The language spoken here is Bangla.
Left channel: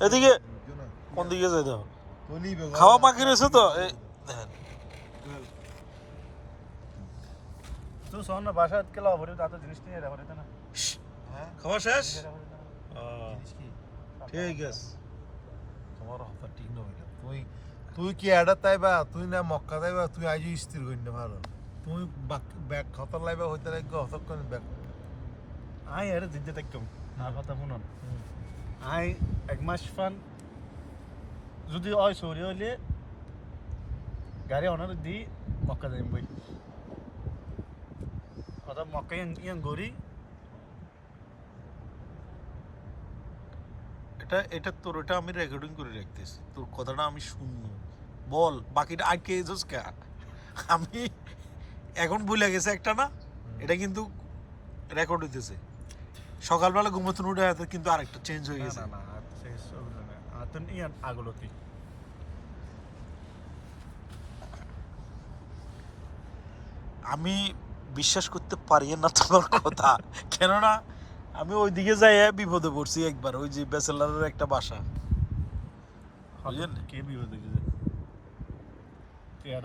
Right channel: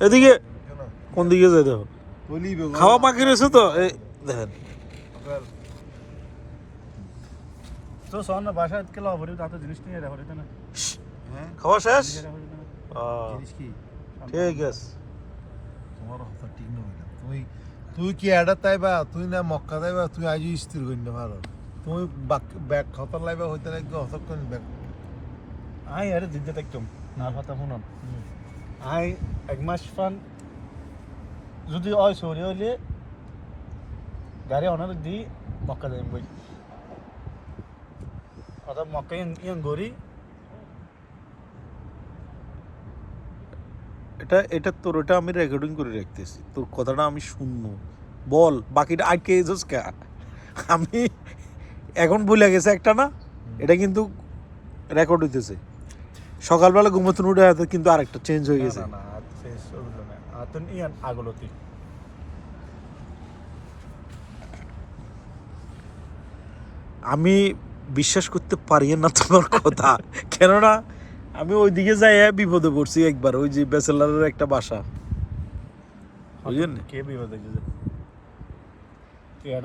এদিকে কোন দিকে যায় দেখো খাওয়া বাকি রয়েছে তো এই দেখেন তো সোনা বাসায় কেলা ভরে তা তো জিনিস নিয়ে রাখো রে না খাওয়া শেষ জিনিস কি ঠিক আছে তোমার কথা ঠিক নই না তুই কি এডা তাইবা তুই না মক্কা তাইবা তুই আজ স্থির করি না ভালো তুমি ব্যাগ খতর লাইবা হইতে নাকি হতক্ষণ ব্যাগ আই আরে জিদ্দা একদম না কথা শুনুন আই এক মাস ফান যদি ওই সরি হইলে গাড়ি অনার দি মক্কা যাইম বই অথবা মক্কা ইয়াং গরি এটা তোর ওটা আমি রেকর্ডিং করে রাখতেছি তোর কথাটা আমি শুনবো বল বাকিটা আটকে যাস কে আমি এখন ভুলে গেছে একটা না এটা কিন্তু রেকর্ড হইতেছে সকালবেলা ঘুমোতে উঠে হয়তো কিন্তু আরেকটা চেঞ্জ হয়ে গেছে না না শেষ ওগুলো না আতন ইয়ান আগলতি আমি বিশ্বাস করতে পারি না তোমার কথা কেননা আমি ওইদিকে যাই বিপদে পড়ছি একবার ওই যে ব্যাচেলারের একটা বাসা বুঝলেন কে বিপদে গেছে কেন